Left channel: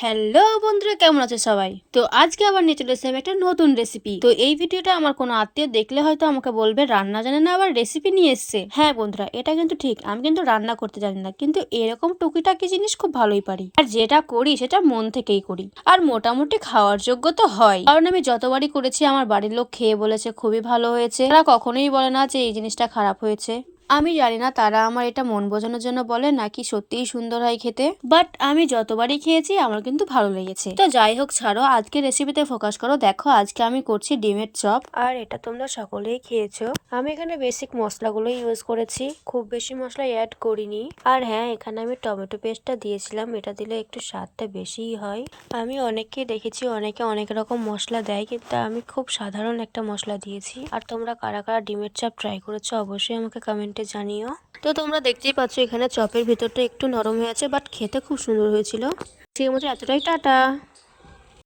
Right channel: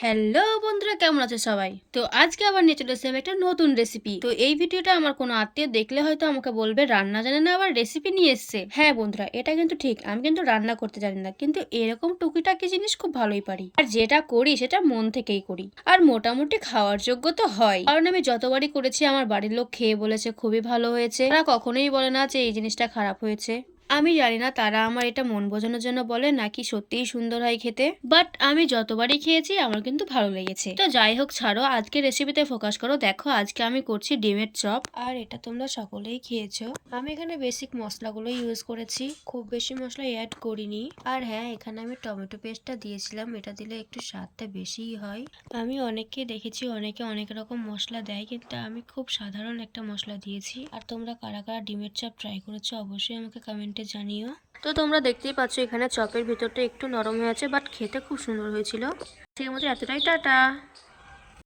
Hello বন্ধুরা, কেমন আছো সবাই? তো আজকে আবার নিয়ে চলে এসেছি একটা নতুন রেসিপি তো এই ভিডিওটা আমার কোনো আত্মীয় দেখলে হয়তো আমাকে বলবে, রান্না জানে না, আবার রেসিপি নিয়ে এসছে। হ্যাঁ বন্ধুরা, এটা কিন্তু ঠিক, আমি কিন্তু রান্না করতে জানি না, কিন্তু এরকম টুকিটাকি জিনিস খুব ভালোই পারি। আর যেটা করি, সেটা মন থেকেই করি। আর মোটামুটি খাওয়ার যোগ্য তো হয়। কারণ আমি যতবারই করেছি, আমার বাড়ির লোক খেয়ে বলেছে, খুবই ভালো হয়েছে। তারা কখনোই বলে না যে, এই জিনিসটা খারাপ হয়েছে। আমি জানি না তারা আমার এটা মন বোঝানোর জন্য বলে নাকি সত্যিই সুন্দর হয় খেতে। বাট আমি যতবারই খেয়েছি, আমার কিন্তু ভালো লেগেছে। তো যাই হোক, ছাড়ো আজকে রেসিপিতে ফোকাস করো। দেখো, আজকে আমি করছি ডিমের চপ। আর এটা তোমরা সকলেই খেয়েছো। আমি এখানে বেসিক মশলাগুলো ইউজ করেছি। খুব বেশি মশলা অ্যাড করিনি। আর হ্যাঁ এখানে আমি টমেটো পেস্টটা দিয়েছিলাম। এটা দিলে একটু স্বাদটা বেশিই হয়। আমি অনেককে দেখেছি, অনেকে অনেক রকম মশলা দেয়, কিন্তু আমি খুব সাধারণ একটা মশলা দিয়েছি। আর তোমরা কারা কারা ডিমের চাপ ট্রাই করেছ, অবশ্যই আমাকে কমেন্টে জানিও। তো তোমরা দেখতেই পাচ্ছ, এখানে চপের ভিতরটা একটু নরম হয়ে আছে বাট খেতে খুব সুন্দর হয়েছিল। ঠিক মতো এতটাই, টাটা।